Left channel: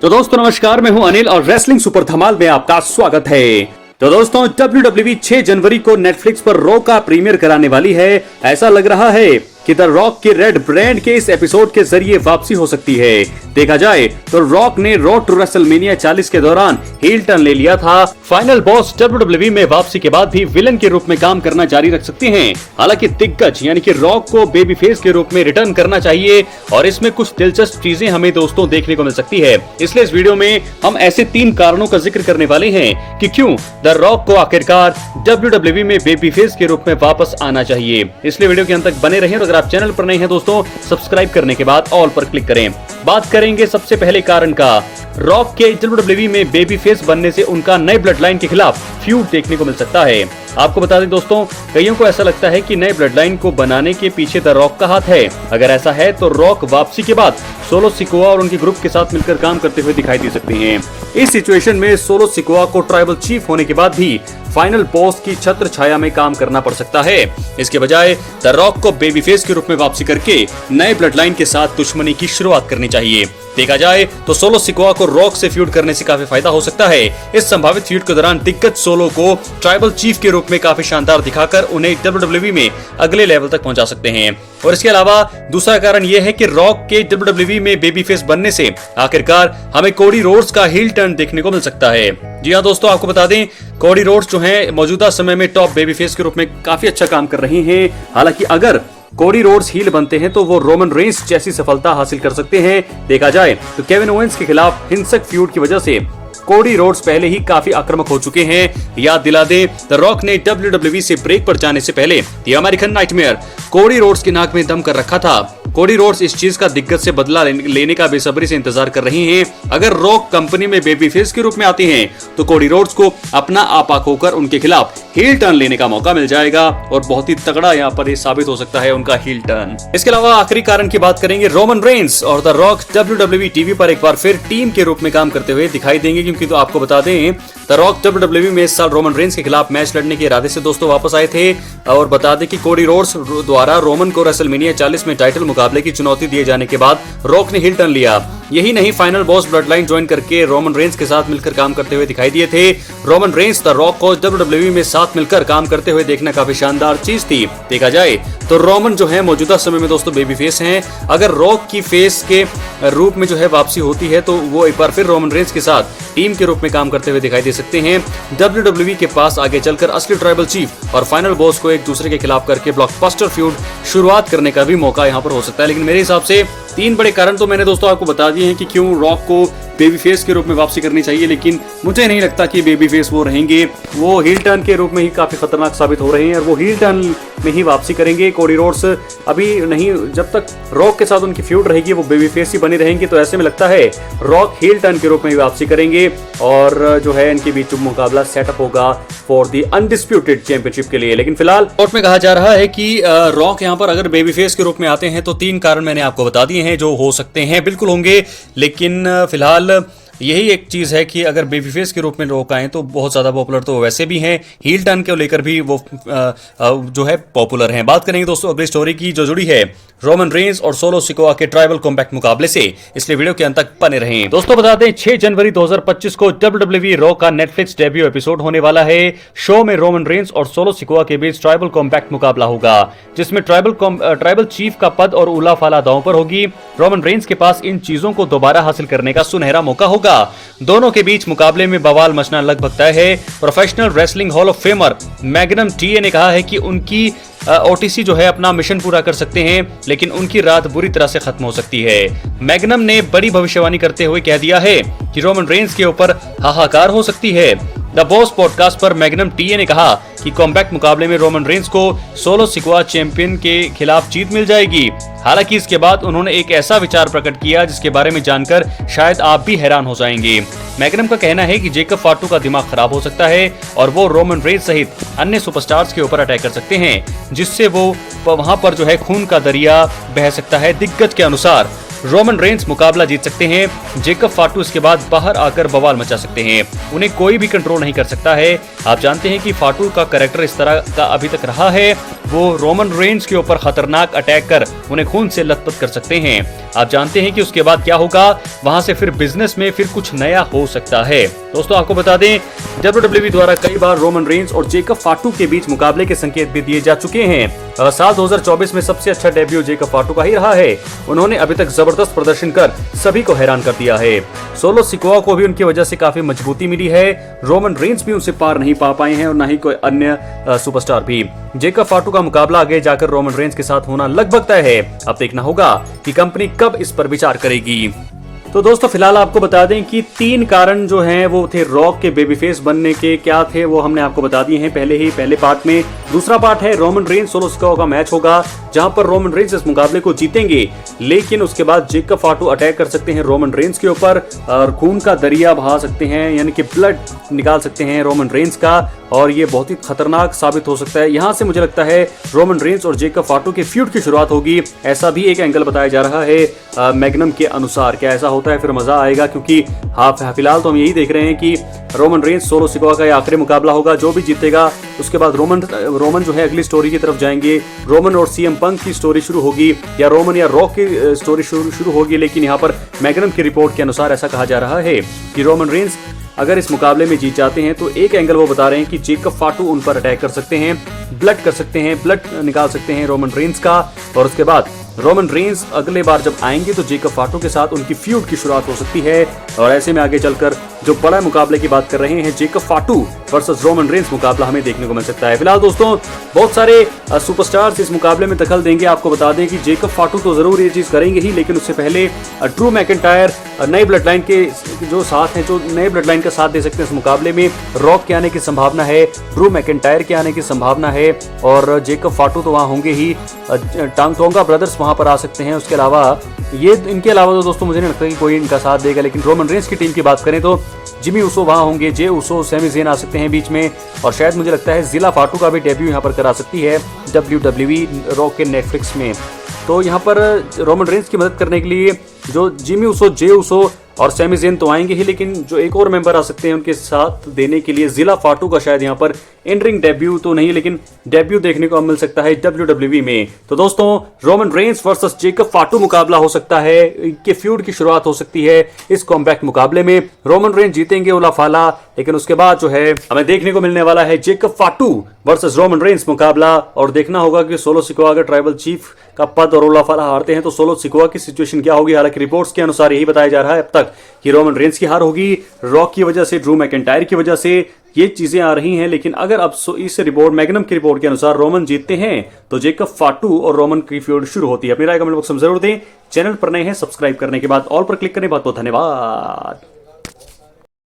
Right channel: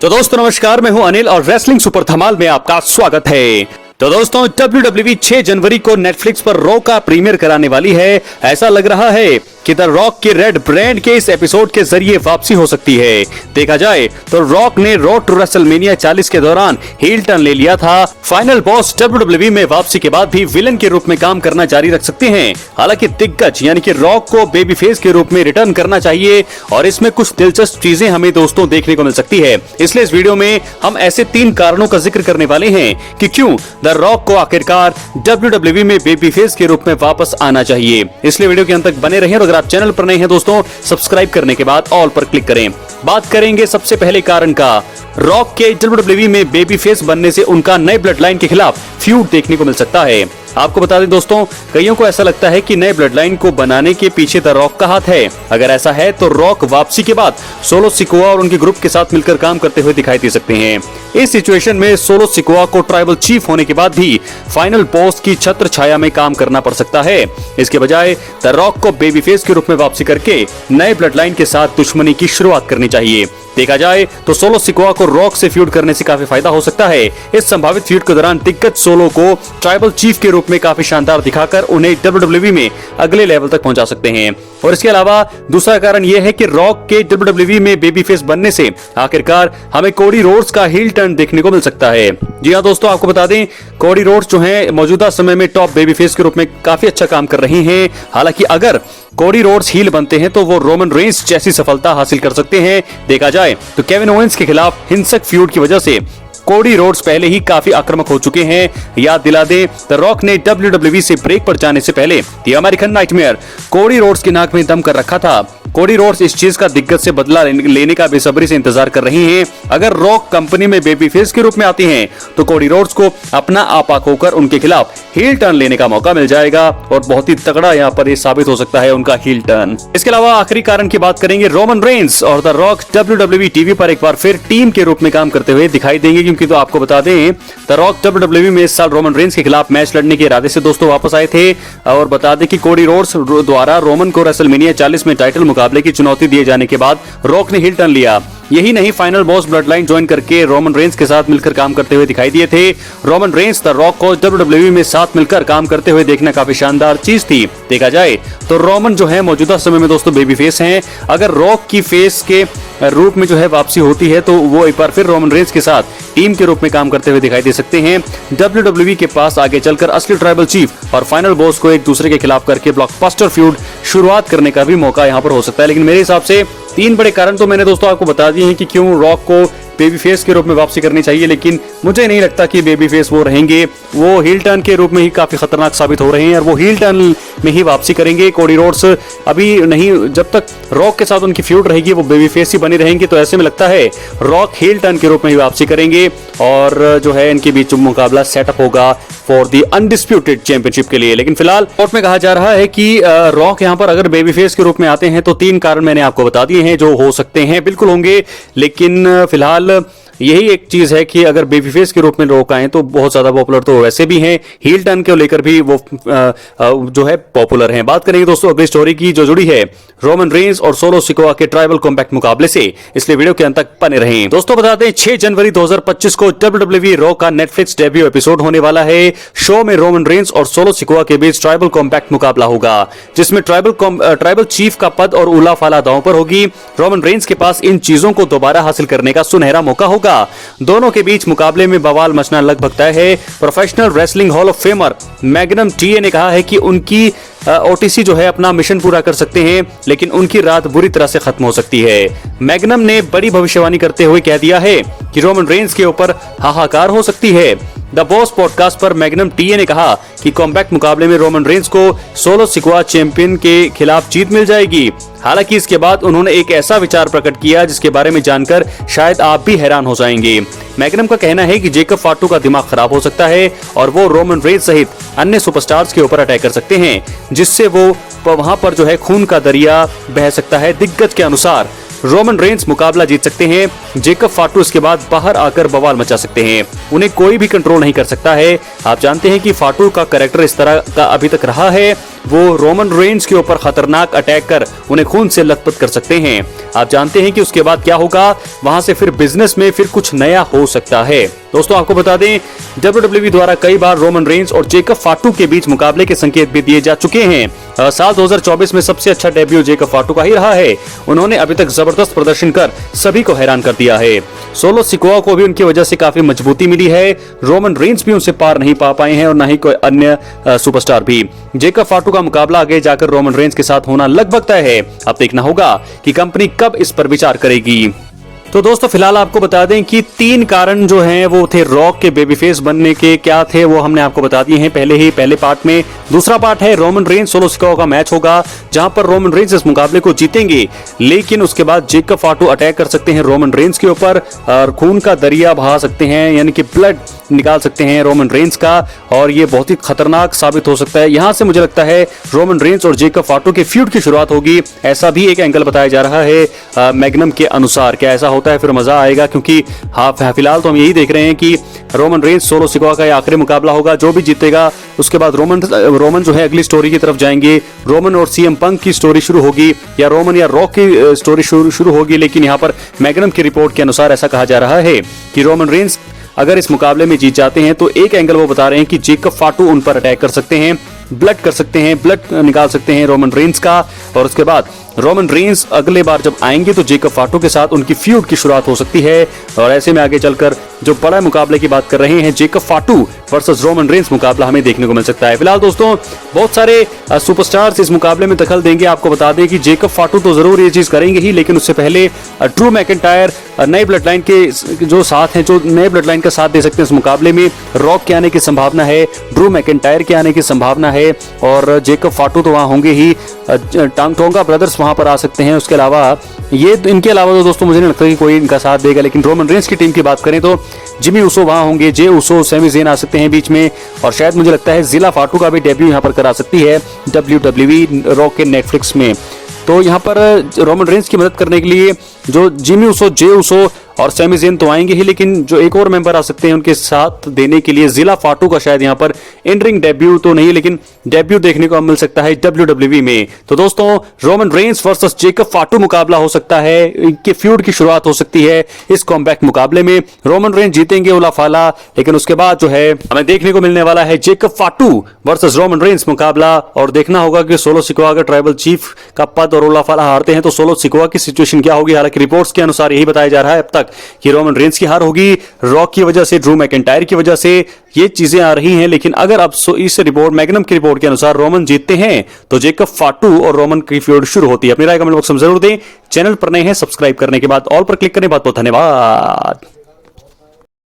तो दोस्तों नमस्कार, मैं हूं अनिल और रेसलिंग सुपर धमाल में आपका स्वागत है। तो दोस्तों WWE 6 जनवरी को नेटफ्लिक्स पर रॉ का प्रीमियर कराने वाली है। ऐसा लग रहा है कि द रॉक के रेड ब्रांड के इस एपिसोड के जरिए वापसी हो सकती है। देखा जाए तो रॉक ने रॉ टू रेसलमेनिया 40 के दौरान हील टर्न ले लिया था। फाइनल बॉस WWE में वापसी के बाद भी विलन के रूप में काम करना जारी रख सकते हैं। हालांकि दिग्गज यानी कि रॉक को बेबी फेस के रूप में रिटर्न करना चाहिए और इसमें कुछ दिलचस्प चीजें हमें दोस्तों देखने को मिल सकती है। इसलिए इस वीडियो में हम ऐसे 3 कारणों का जिक्र करने वाले हैं कि क्यों द रॉक को आखिरकार WWE में बेबी फेस के रूप में वापस आना चाहिए। इसलिए वीडियो के अंत तक बने रहें और अगर आप चैनल पर नए हैं दोस्तों, सब्सक्राइब करने के बाद ऑल पर क्लिक करें। बात करेंगे सबसे पहले कारण का। रॉक के WWE में बेबी फेस बनने से उनका नए ब्लड लाइन के खिलाफ फ्यूड देखने को मिल सकता है। आपको बता दें दोस्तों, कईयों को ऐसा लगता है कि नए ब्लड लाइन को बनाने के पीछे द रॉक का हाथ है। अगर ऐसा है तो रॉक वापसी के बाद सोलो सिकोआ और उनके ग्रुप के साथ मिलकर काम करते हुए दिखाई दे सकते हैं। इस सिचुएशन में सोलो सिकोआ को ट्राइबल चीफ होने के बाद भी फाइनल बॉस की छत्र छाया में काम करना पड़ सकता है। इसके बजाय द रॉक को बेबी फेस के रूप में वापसी करके नए ब्लड लाइन के साथ दुश्मनी की शुरुआत करनी चाहिए। देखा जाए तो सोलो सिकोआ को रॉक से फ्यूड करने से काफी फायदा हो सकता है। इस संभावित फ्यूड के दौरान दिग्गज सोलो को ट्राइबल चीफ के रूप में काफी शानदार दिखाकर उन्हें WWE में अगले लेवल तक पहुंचा सकते हैं। और इसके अलावा दूसरा कारण यह है कि रॉक के WWE में बेबी फेस बनने से आखिरकार हमें कोडी रोड्स का हील टर्न देखने को मिल सकता है। जी हाँ दोस्तों, आपको बता दें कोडी रोड्स जो है मौजूदा समय में टॉप बेबी फेस के रूप में काफी अच्छा काम कर रही हैं। हालांकि अगर कोडी रोड्स हील बनते हैं तो वो रोमन रेंस जैसी सफलता हासिल कर सकते हैं। देखा जाए तो केविन ओवेंस के खिलाफ हिंसक फ्यूड की वजह से कोडी रोड्स पहले ही काफी आक्रामक हो चुके हैं। याद दिला दे, द रॉक ने WWE से ब्रेक पर जाने से पहले the American nightmare Cody Rhodes की नाक में दम कर रखा था। कोडी रोड्स इस चीज का दिग्गज से बदला लेने का बेसब्री से इंतजार कर रही हैं। अगर रॉक कंपनी में बेबी फेस के रूप में आती हैं तो कोडी रोड्स को अपना आपा खोकर उनके खिलाफ हील टर्न लेने का मौका मिल जाएगा और बहुत ही तगड़ा यहाँ पर ये साबित हो सकता है उनका हील टर्न। इसके अलावा आखिरी कारण की बात करेंगे, रोमन रेंस और द रॉक WWE टीवी पर एक बार फिर टीम के रूप में काम करते हुए दिखाई देंगे। क्योंकि तो आपको बता दें द रॉक WWE में इस साल रोमन रेंस के खिलाफ मैच लड़ने के इरादे से दोस्तों वापस आए थे। और बता दें कि कोडी रोड्स द्वारा रोमन को रेसलमेनिया 40 में टाइटल मुकाबले की चुनौती दिए जाने के बाद रॉक ने हील टर्न लिया। यही नहीं, final boss blood line join करके रोमन रेंस के साथ मिलकर काम करते हुए दिखाई दिए थे। रोमन रेंस द रॉक को WWE में साथ मिलकर काम करते हुए देखना काफी शानदार चीज थी। देखा जाए तो रोमन जो है मौजूदा समय में दोस्तों बेबी फेस हैं। अगर रॉक की फेस के रूप में जो है वापसी होती है तो वो एक बार फिर रोमन रेंस के साथ टीम के रूप में काम करते हुए दिखाई दे सकते हैं। WWE के पास आगे चलकर असली ट्राइबल चीफ और फाइनल बॉस को एक दूसरे के खिलाफ करके ब्लॉकबस्टर फ्यूड शुरुआत करने का भी मौका यहाँ पर हो सकता है। लेकिन मेरे हिसाब से 3 बड़े कारण तो मैंने दोस्तों आपको बता दिए हैं कि क्यों रॉक को बेबी फेस के रूप में वापसी करनी चाहिए। लेकिन मुझे नहीं लगता कि बेबी फेस वो रहेंगे। वो हील टर्न के रूप में ही काफी खतरनाक साबित हो रहे हैं और वो हील टर्न में ही वापसी करेंगे। कोडी रोड्स अभी नहीं, जब तक रॉक के साथ उनकी फ्यूड रहेगी वो बेबी फेस ही बने रहेंगे। तो ऐसे में लगता है रॉक हील टर्न के रूप में ही वापसी करेंगे और जो है इनके बीच मुकाबला सेटअप होगा फॉर द अनडिस्प्यूटेड चैंपियनशिप के लिए। लेकिन फिलहाल कोर्ट में कहा जा रहा है कि रॉक यहाँ पर अगर बेबी फेस के रूप में आते हैं तो 3 कारण मैंने आपको बता दिए हैं जो हो सकते हैं, बिल्कुल होंगे। लेकिन फिलहाल यही एक चीज है कि अगर बेबी फेस के रूप में रॉक आए तो बहुत ज्यादा पॉपुलर तो वैसे भी हैं, हील टर्न को लेकर भी वो जो है पॉपुलर हैं। बात करेंगे दोस्तों अगली स्टोरी की जो जुड़ी है रोमन रेंस और सोलो सिकोआ के ट्राइबल कॉम्बैट मुकाबले से, इसलिए वीडियो के अंत तक बने रहें। दोस्तों बता दें 6 जनवरी 2025 को WWE रॉ का नेटफ्लिक्स डेब्यू एपिसोड होने वाला है। शो में रोमन रेंस और सोलो सिकोआ के बीच ट्राइबल कॉम्बैट मुकाबला होगा जिसमें ट्राइबल चीफ का पद और उला फाला दांव पर होगी। रोमन रेंस के पास इन चीजों को दोबारा हासिल करने का सुनहरा मौका होगा। दोनों के बीच मुकाबले में बवाल मचना लगभग तय है। Professional wrestling hall of famer magnum TA ने कहा है कि उनकी ओटीसी जो है अपना मिशन पूरा कर सकते हैं, लेकिन उनकी रात बुरी तरह से खत्म हो सकती है। मैग्नम ने बड़ी भविष्यवाणी करते हुए कह दिया है कि रोमन रेंस के ऊपर हाहाकार हो सकती है। द बॉस पॉडकास्ट पर मैग्नम टीए ने कहा कि कॉम्बैट मुकाबले में रोमन रेंस को सोलो सिकोआ चैंपियन के खिलाफ जीत मिल जाएगी। हालांकि इसके बाद उन्होंने एक ऐसा विचार प्रकट किया जिसके बारे में जानकर शायद आप भी हैरान हो जाएंगे। मैग्नम का कहना है कि जेकब फाटू का दिमाग खराब हो सकता है और वो रोमन रेंस सहित अन्य सुपरस्टार्स के ऊपर अटैक कर सकते हैं, जिससे वो वहां पर जो है खून का दरिया बह सकता है। दिग्गज के अनुसार रोमन रेंस मुकाबला जीत सकते हैं। जेकब फाटू इसके बाद बाहर आकर बवाल मचा सकते हैं, उन्हें कोई भी कंट्रोल नहीं कर सकता है। आप जानते हैं कि फाटू का कैरेक्टर इस तरह का अभी तक रहा है, वो रोमन रेंस के ऊपर खतरनाक अटैक कर उन्हें खून से लथपथ कर सकते हैं। आप जानते हैं कि उसके बाद क्या होगा, वहां से फिर बिजनेस में फिर कुछ नया हो सकता है। दोस्तों आपको बता दें, WWE द्वारा कई बार रोमन रेंस और जेकब फाटू के बीच मुकाबले के संकेत भी दिए जा चुके हैं। साल 2024 में सबसे अच्छा डेब्यू जेकब फाटू का ही रहा है। उन्होंने अभी तक जबरदस्त प्रदर्शन कर सभी को हैरान कर दिया है। सोलो सिकोआ को भी उनकी वजह से काफी मजबूती मिली है। रोमन रेंस भी उनसे पार नहीं पा पाए हैं और न ही कोई अन्य सुपरस्टार भी। जेकब फाटू का मुकाबला आगे जाकर रोमन रेंस के साथ होना लगभग तय है। अब देखना होगा कि कंपनी कब इस पर विचार करेगी। तो दोस्तों फिलहाल आपको बता दें कि 3 कारण जो हैं वो थे रॉक के बेबी फेस बनने के, क्या थे वो हमने आपको बता दिए हैं पहले पार्ट में। दूसरा पार्ट है रोमन रेंस सोलो सिकोआ का मैच होगा, जहां पर रोमन रेंस इस मुकाबले को जीतेंगे, लेकिन उसके बाद जेकब फाटू अटैक कर सकते हैं रोमन रेंस के ऊपर और खून का दरिया बहा सकते हैं, यानी कि ब्लड निकाल सकते हैं रोमन रेंस का, और ये बहुत ही खतरनाक साबित हो सकता है। यहाँ से मुझे लगता है रोमन रेंस और जेकब फाटू के फ्यूड की शुरुआत होगी, ऐसा भी एक एंगल बताया जा रहा है मैग्नम के अनुसार। क्या ऐसा होता है फिर मजा आएगा, क्योंकि फिलहाल तो हम यही देख रहे हैं कि रोमन रेंस सोलो सिकोआ का आखिरी मुकाबला होगा, जो भी जीतेगा उसके बाद रोमन जो है अगली स्टोरी की तरफ जाएंगे। रोमन और सीएम पंक की स्टोरी शुरू होगी, या रोमन या रॉक की स्टोरी शुरू होगी, लेकिन यहाँ पर मैग्नम की रिपोर्ट के अनुसार ऐसा कहा जा रहा है कि रोमन रेंस अगर इस मुकाबले में जीत जाते हैं तो एक एंगल वो बता रहे हैं कि जेकब फाटू उन पर अटैक कर सकते हैं, ब्लड कर सकते हैं, ब्लड निकाल सकते हैं रोमन रेंस का, और उसके बाद रोमन रेंस अगले बार जब आएंगे तो जेकब फाटू के साथ उनकी फ्यूड की शुरुआत हो सकती है। और ऐसे में आगे चलकर जो बड़ा मुकाबले की बात कर रहे हैं, जेकब फाटू वर्सेस रोमन रेंस मुकाबला हमें देखने को मिल सकता है। फिलहाल दोस्तों बहुत सारे सुपरस्टार्स इस मुकाबले में दखल देंगे। आपको बता दें कि जेकब फाटू तो जरूर ये चीज करेंगे ही, लेकिन उससे पहले ड्रू मैकिंटायर नए ब्लड लाइन के जो साथ हैं, जो नए ब्लड लाइन का साथ दे सकते हैं इस मुकाबले में, रॉक के आने की संभावना है, ड्रू मैकिंटायर के आने की संभावना है, और जेकब फाटू तो वहां होंगे ही, टोंगा ब्रदर्स वहां पर आ सकते हैं। उसके अलावा इनके अलावा तो दोस्तों मुझे नहीं लगता कि कोई इनका साथ देगा, लेकिन रोमन रेंस की टीम की बात करें तो जिमी उसो वहां होंगे, जे उसो, सैमी ज़ेन आ सकते हैं बीच में, और शायद मुझे लगता है जिला फाटू का भी डेब्यू यहां पर करा सकती है WWE रॉक के नेटफ्लिक्स में। तो यहाँ पर रोमन रेंस की मदद करने के लिए जो जिमी उसो, जे उसो और सैमी ज़ेन तो आएंगे ही, लेकिन जो एक और मेंबर आ सकते हैं उनके साथ देने के लिए जिला फाटू का शायद यहाँ पर इन रिंग डेब्यू तो नहीं, लेकिन डेब्यू देखने को मिल सकता है WWE में। तो दोस्तों रोमन रेंस वर्सेस जेकब फाटू मुकाबला हो सकता है, इनके फ्यूड की शुरुआत हो सकती है इस कॉम्बैक्ट मुकाबले में। रोमन रेंस जीतेंगे उला फाला, लेकिन उसके बाद जो है हमें देखने को मिलने वाला है जेकब फाटू वर्सेस रोमन रेंस मुकाबला, और देखना होगा कि सोलो सिकोआ का ट्राइबल चीफ का पद और उला फाला हारते हैं तो सोलो सिकोआ की सिचुएशन क्या होगी। हालांकि रिपोर्ट्स के अनुसार यही बताया जा रहा है अब तक कि रोमन रेंस की हार होगी, रॉक की वजह से, ड्रू मैकिंटायर की वजह से ये चीजें आ रही हैं। लेकिन अगर अब इस रिपोर्ट मैग्नम की रिपोर्ट के अनुसार रोमन जीतते हैं तो जेकब फाटू और रोमन की फ्यूड शुरू होती है। अपनी राय कमेंट बॉक्स में जरूर दें। चैनल पर नए हैं सब्सक्राइब करने के बाद ऑल पर क्लिक करें। बहुत बहुत धन्यवाद।